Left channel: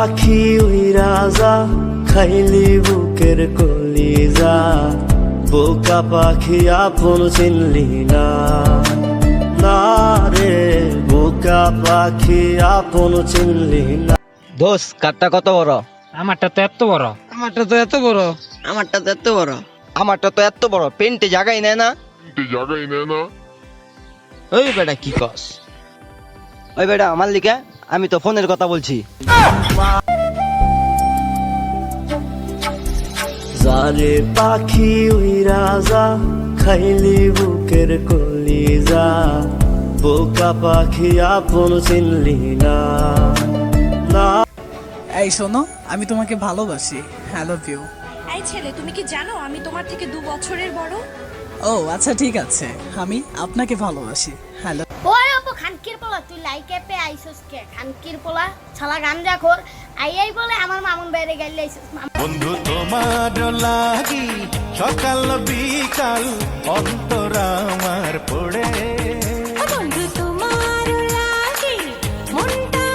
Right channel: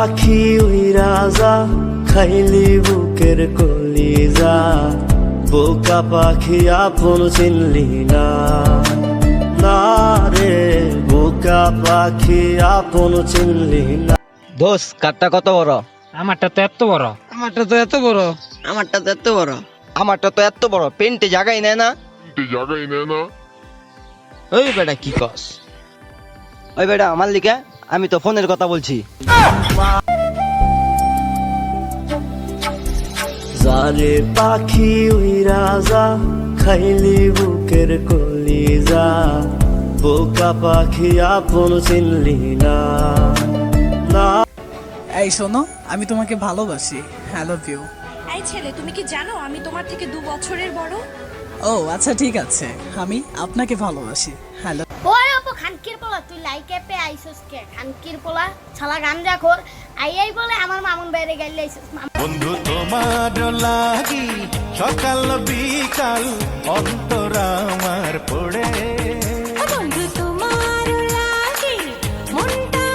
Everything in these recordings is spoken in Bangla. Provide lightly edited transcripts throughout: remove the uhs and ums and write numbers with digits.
পাখি ওই রাজা খাইলি বুকের কলিজা, বোকা পাখি আপন চিনলি না, না রে বোকা পাখি আপন চিনলি না। দোষ কাঠটা কত বড়? আমারটা তো এত বড়। আমারটা তো এত বড়। আমারটা তো এত বড়। আমারটা তো এত বড়, পেন্টে জায়গাই নেয় না। ওই বেটা কি কস? ওই বেটা আমার লিখে, আমি তো ফোনের কথা বলছি। যারে পাখি ওই রাজা খাইলি বুকের কলিজা, বোকা পাখি আপন চিনলি না, না। এই শোনো, আমি তোমাকে ভালোবাসি। I love you. এই ছেলে, তুমি কি জানো আমি তোমার থেকে 2 বছরের বড়? ও আচ্ছা ঠিক আছে, আমি আপনাকে ভালোবাসি। হ্যালো। ওই আপু খানকির পোলা, তুই লাইক অ্যাপে আইছস কে? খানকির পোলা শালা গাঞ্জাখোর আই বলে আমার মামুন বাইরে গেলে আইছস। বন্ধু তোমার লাগি সকাল বিকাল অন্তর আমার পড়ে, বন্ধু তোমার লাগি মনটা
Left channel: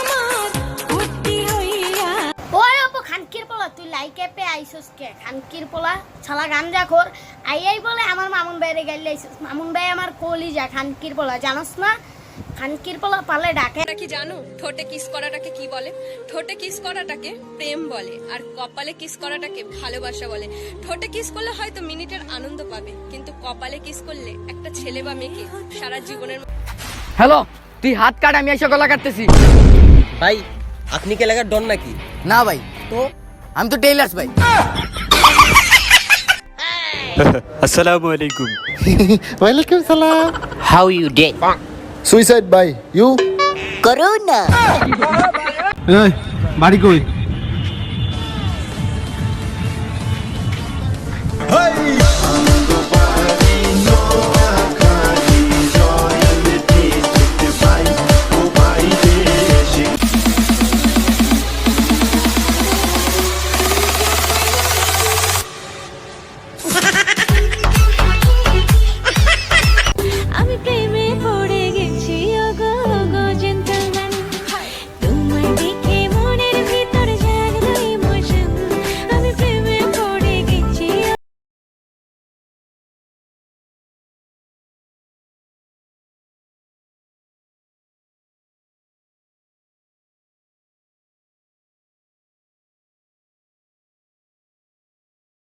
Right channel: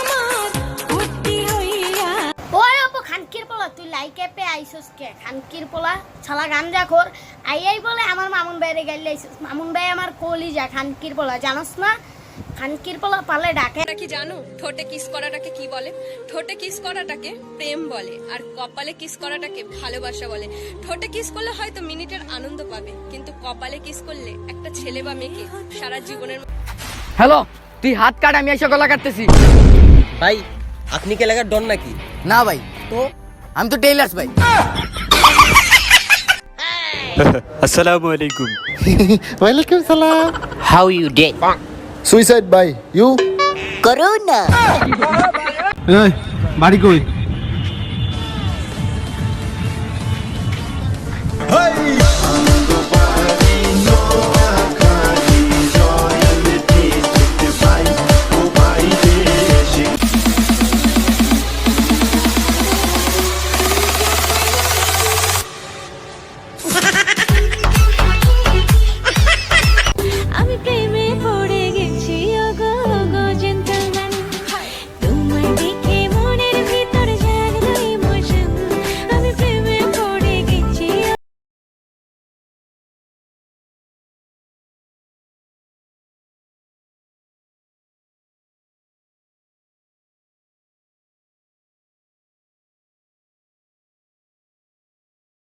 আমার ফুটি হইয়া। ওই আপু খানকির পোলা, তুই লাইক অ্যাপে আইছস কে? খানকির পোলা শালা গাঞ্জাখোর আই বলে আমার মামুন বাইরে গেলে আইছস। মামুন ভাই আমার কলিজা। খানকির পোলা জানোস না? খানকির পোলা পালে ডাকে। কি জানো ঠোঁটে কিস করাটাকে কি বলে? ঠোঁটে কিস করাটাকে প্রেম বলে, আর কপালে কিস করাটাকে ভালোবাসা বলে। ঠোঁটে কিস করলে হয়তো মিনিটের আনন্দ পাবে, কিন্তু কপালে কিস করলে একটা ছেলে বা মেয়েকে সারা জীবনের। হ্যালো, তুই হাত কাট, আমি এসে গলা কাটতেছি। ভাই আপনি কি এলাকার ডন নাকি? না ভাই, তো আমি তো টেইলার্স ভাই। আসসালামু আলাইকুম। ওয়ালাইকুম সালাম। How you day? Suicide by you. করোনা। এই বাড়ি কই?